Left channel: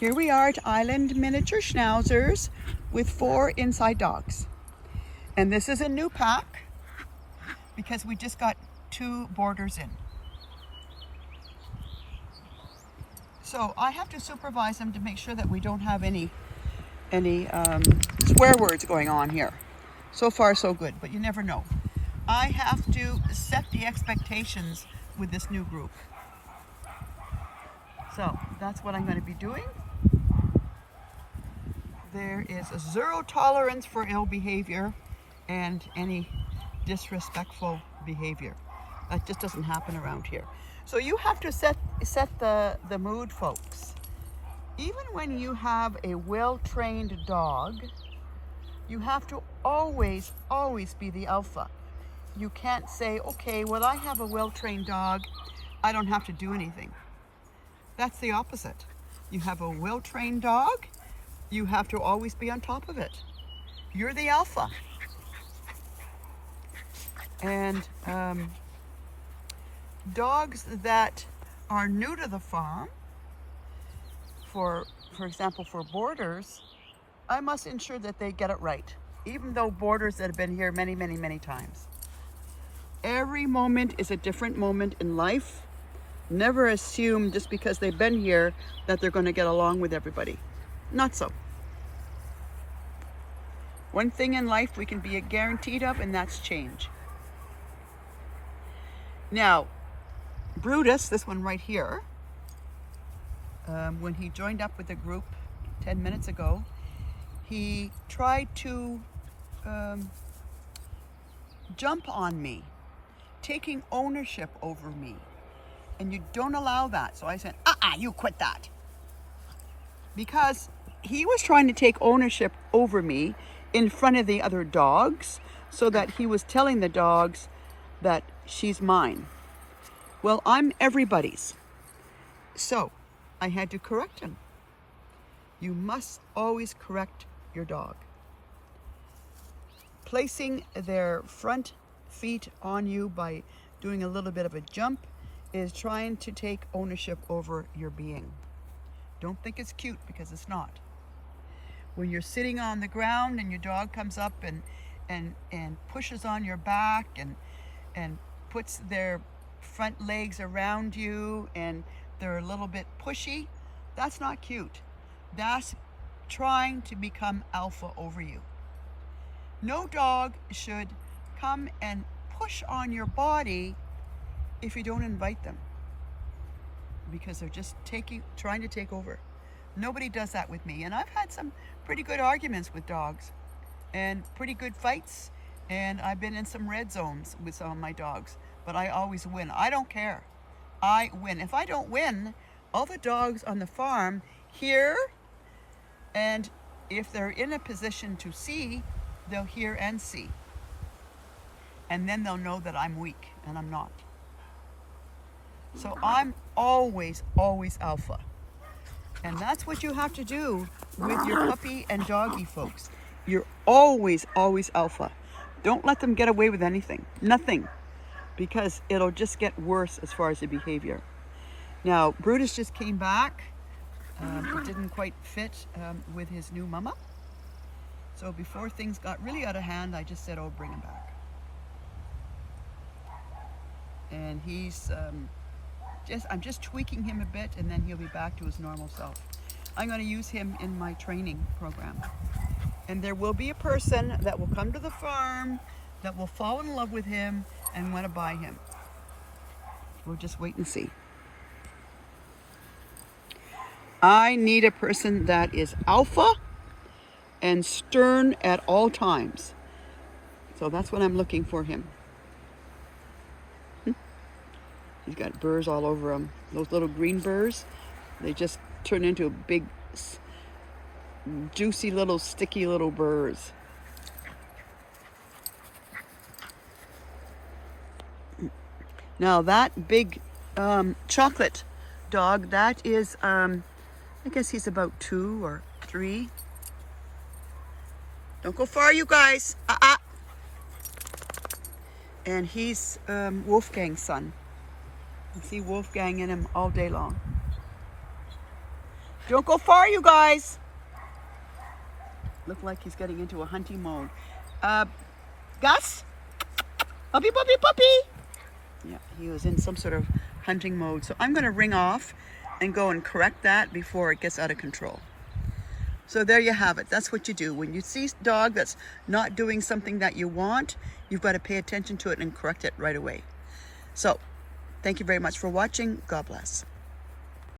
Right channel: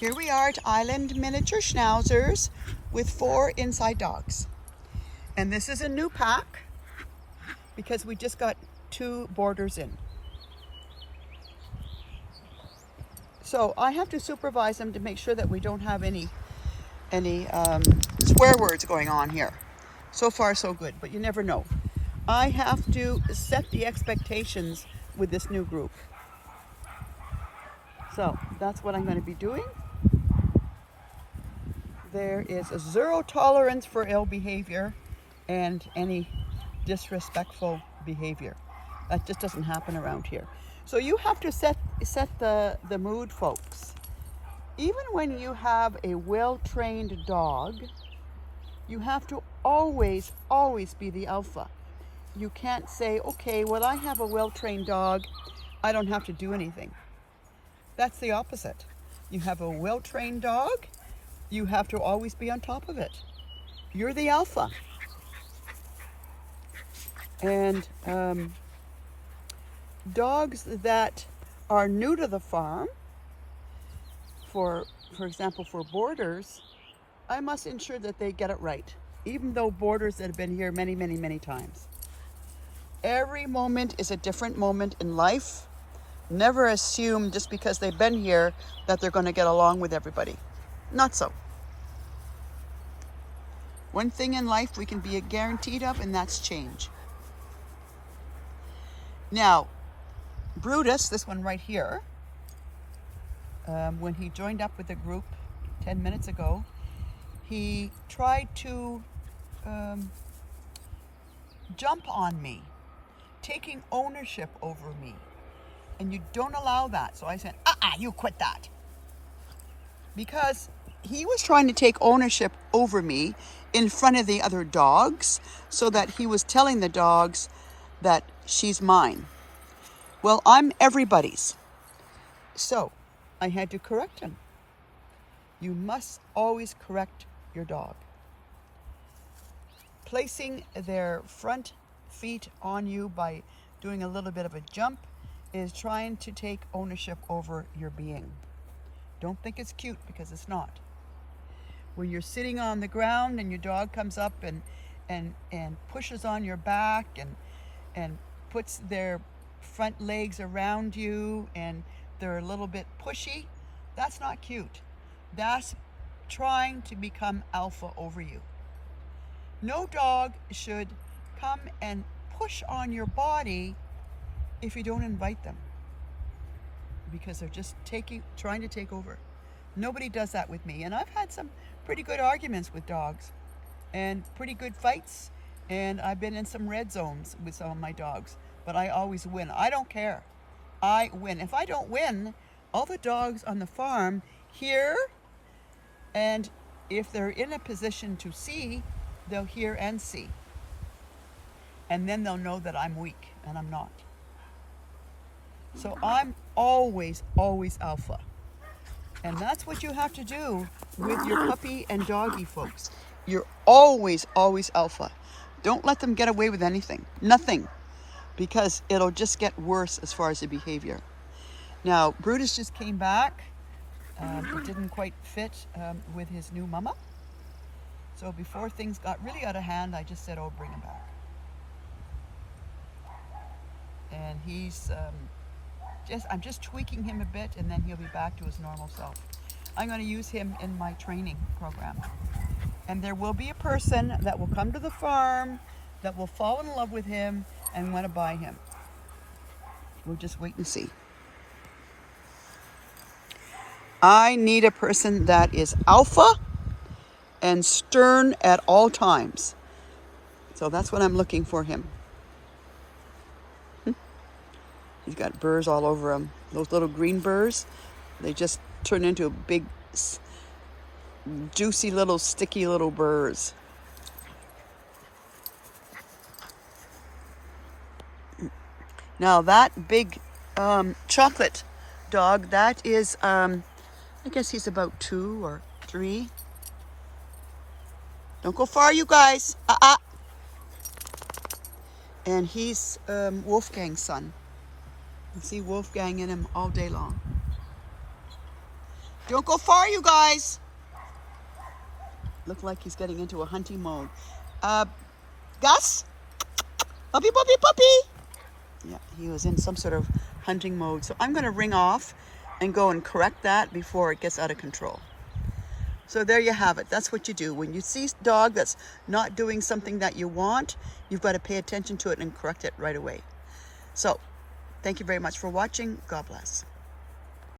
Here we are at Island Miniature Schnauzers with 4 inside dogs. And this is a new pack because we just got 2 boarders in. So I have to supervise them to make sure that we don't have any swear words going on here. So far so good, but you never know. I have to set the expectations with this new group. So that's what I'm going to be doing. There is a 0 tolerance for ill behavior and any disrespectful behavior. That just doesn't happen around here. So you have to set the mood, folks. Even when you have a well-trained dog, you have to always be the alpha. You can't say, okay, well, I have a well-trained dog, I don't have to do anything. That's the opposite. You have a well-trained dog, you have to always be on top of it. You're the alpha. And dogs that are new to the farm, for example, for boarders, I must ensure that they get it right, even though boarders that have been here many times. Every moment is a different moment in life. Never assume just because they've been here that they're going to get along with everybody. Not so. One thing in life we can be guaranteed of, and that's change. Now, Brutus, this one right here, when he joined up with the group 10 minutes ago, he tried to jump on me, taking ownership over me. And you don't allow that. So I said, you quit that. Because he was trying to take ownership over me in front of the other dogs, so that he was telling the dogs that she's mine. Well, I'm everybody's. So I had to correct him. You must always correct your dog. Placing their front feet on you by doing a little bit of a jump is trying to take ownership over your being. Don't think it's cute, because it's not. When you're sitting on the ground and your dog comes up and pushes on your back and puts their front legs around you and they're a little bit pushy, that's not cute. That's trying to become alpha over you. No dog should come and push on your body if you don't invite them, because they're just trying to take over. Nobody does that with me, and I've had some pretty good arguments with dogs and pretty good fights, and I've been in some red zones with some of my dogs, but I always win. I don't care. I win. If I don't win, all the dogs on the farm hear, and if they're in a position to see, they'll hear and see, and then they'll know that I'm weak, and I'm not. So I'm always alpha. And that's what you have to do with your puppy and doggy, folks. You're always alpha. Don't let them get away with anything. Nothing. Because it'll just get worse as far as the behavior. Now, Brutus just came back. It didn't quite fit with his new mama. So before things got really out of hand, I just said, oh, bring him back. And he's... I'm just tweaking him a bit, and then he'll be back to his normal self. I'm going to use him in my training program. And there will be a person that will come to the farm that will fall in love with him and want to buy him. We'll just wait and see. I need a person that is alpha and stern at all times. So that's what I'm looking for him. He's got burrs all over him. Those little green burrs, they just turn into big, juicy little, sticky little burrs. Now that big chocolate dog, that is, I guess he's about 2 or 3. Don't go far, you guys. And he's Wolfgang's son. You see Wolfgang in him all day long. Don't go far, you guys. Look like he's getting into a hunting mode. Gus? Puppy, puppy, puppy. Yeah, he was in some sort of hunting mode. So I'm going to ring off and go and correct that before it gets out of control. So there you have it. That's what you do. When you see a dog that's not doing something that you want, you've got to pay attention to it and correct it right away. So thank you very much for watching. God bless.